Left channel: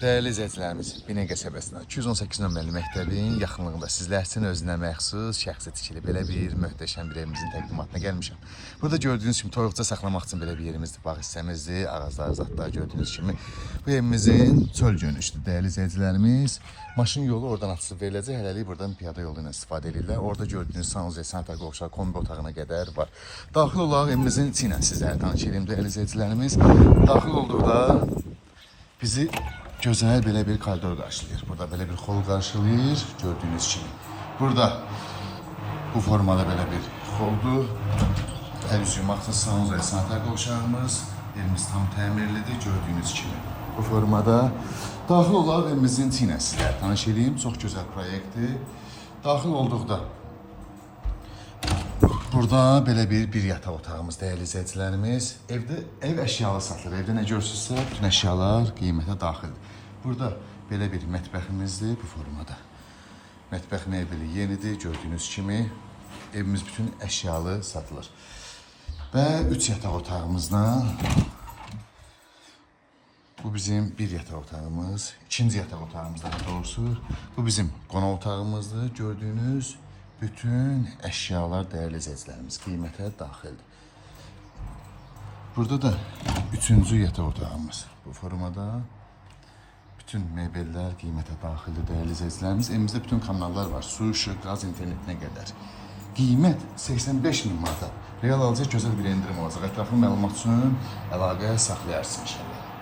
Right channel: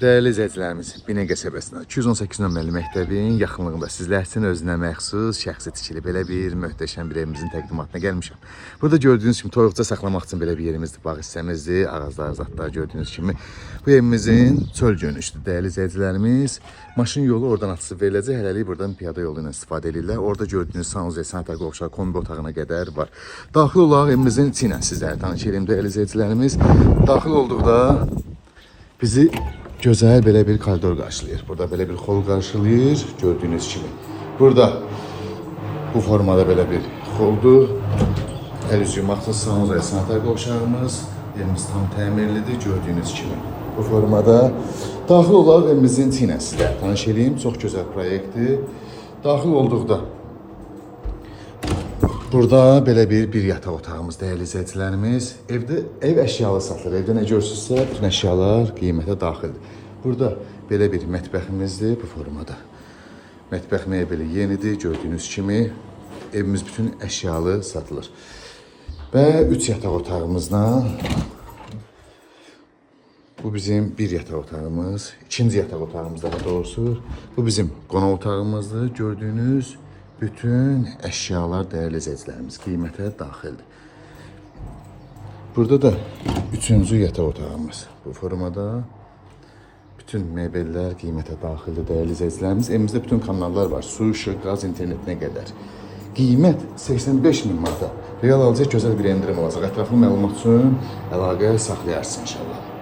Değerli izləyicilərimiz, Binə qəsəbəsində 218 nömrəli məktəbin yaxınlığında sizlər üçün özünə məxsus şəxsi tikili belə bir möhtəşəm bir evimizin təqdimatına gəlmişəm. Burada gördüyünüz kimi toyuqca saxlamaq üçün belə bir yerimizdir, bağ hissəmizdir, ağızlar, zadlar gördüyünüz kimi. Bu evimizin çöl görünüşdür, değerli izləyicilərimiz. Maşın yolu oradan açılıb veriləcək, hələlik buradan piyada yolu ilə istifadə edirlər. Orada gördüyünüz sanuzel, sanitar qovşaq, kombi otağına qədər var. Daxil olaraq evimizin içi ilə sizlərə tanış edim, değerli izləyicilərimiz. Daxil olduqda bizi gözəl belə bir koridor qarşılayır. Burada belə bir hol qarşılayır, gördüyünüz kimi. Burada bu formada belə bir holdur. Əl üz yumaqlı sanuzel, sanitar qovşağımız. Yerimiz tam təmirlidir, gördüyünüz kimi. Bu formada daxil olaraq evimizin içi ilə sizlərə tanış edeyim. Çox gözəl proyektdir. Daxil olduqda burada belə bir yataq otağımız, değerli izləyicilərimiz. Ev əşyalı satılır. Evdə nə görürsünüzsə, bütün əşyalar qiymətə daxildir. Burada belə bir mətbəximizdir bu formada. Mətbəx mebeli yenidir, gördüyünüz kimi. Evimiz bütün əşyalı satılır. Və 3 yataq otağımızla bu bizim bir yataq otağımız, ikinci yataq otağımız daha doğrusu. Bu bizim qonaq otağımızdır. Gördüyünüz bütün əşyalar, değerli izləyicilərimiz, qiymətə daxildir. Burada da üçüncü yataq otağımız bu formada. Bütün mebellər qiymətə daxildir, değerli izləyicilərimiz. Evimizdə bütün kanallar var, su, işıq, qaz, internetinə qədər. Qiymət 85 min manata. Real alacaq gözəl bir endirim olacaq. Ətraflı məlumat üçün əlaqə saxlayarsınız inşallah.